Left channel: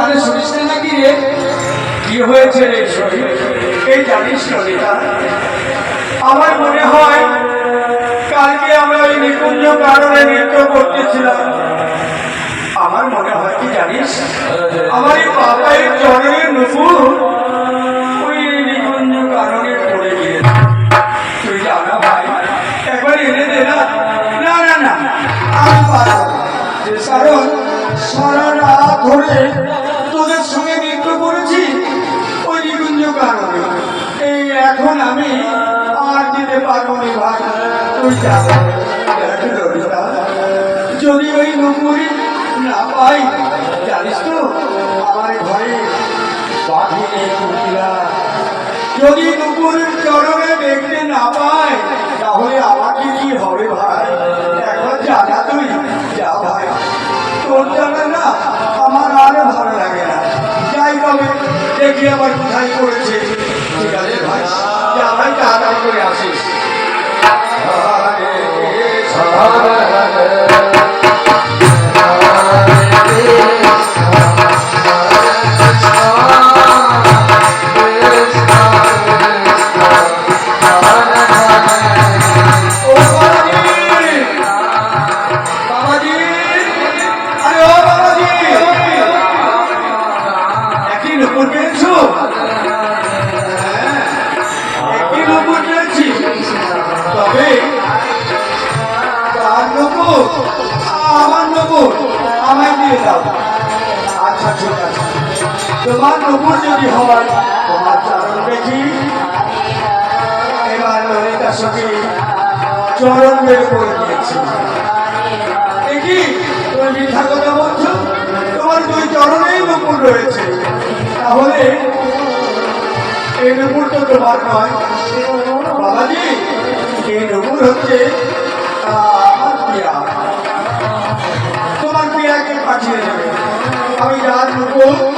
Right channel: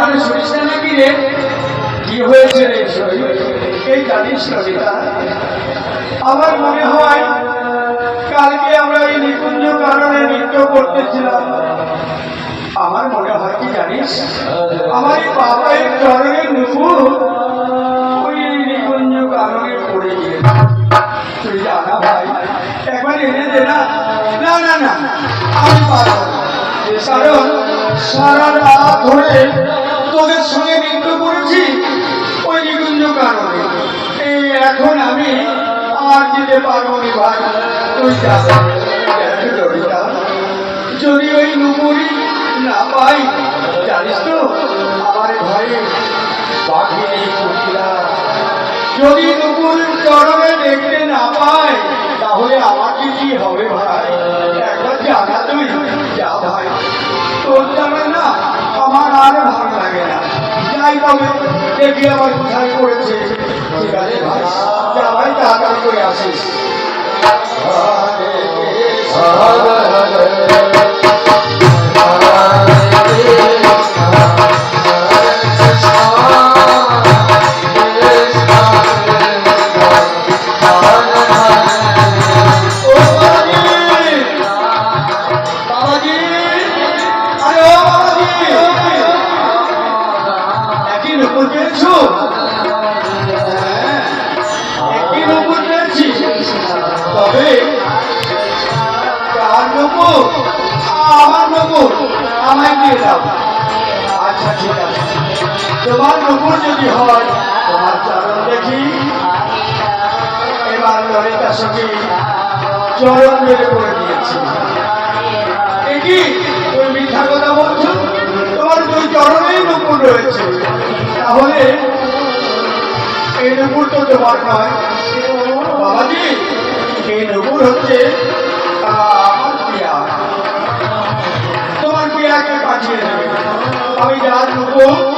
কানে শুনিস না নাকি রে? কি হয়েছে রে শরীর এই জানিস আমার মনে হয় কালকে আমরা এই নিকুঞ্জ কারণে নৃত্য করতেছিলাম। আমার মনে হয় কি জানিস? আমার এই বাবাই চরণের নুপুর ওই নিকুঞ্জ কারণে পড়ে গিয়ে। তুই জানা ভাই, একবার এনে দে না। না না না, আমি পারব। কারণ সারা রাত ধরে তোদের সঙ্গে নৃত্য করেছি ওই নিকুঞ্জ কারণে এই এখন আমি আর দিতে পারব না ভাই। যদি ওই নুপুরি না পাই, জানিস তো, আমার ঘরে যদি দুপুরের চরণে দেখতে না পাই, তাহলে আমার দেখি আবার কোথায় করেছে। ঠিক আছে ভাই। যা ভাই তাড়াতাড়ি করে আসিস। আমার নকুর আমায় দিয়ে দাও আচ্ছা ঠিক আছে। তোমার নকুর যদি হয়, তোমার চরণ দেখি। এবার ললিতা সখী চরণ বের করে দিয়েছে। একি তুমি মিথ্যা কথা বলছো? তোমার দুই চরণেই নুপুর রয়েছে। তাহলে, এই নুপুর তো তোমার নয়। বাবাজি, এই নুপুর হচ্ছে છે. આવી જ લોકો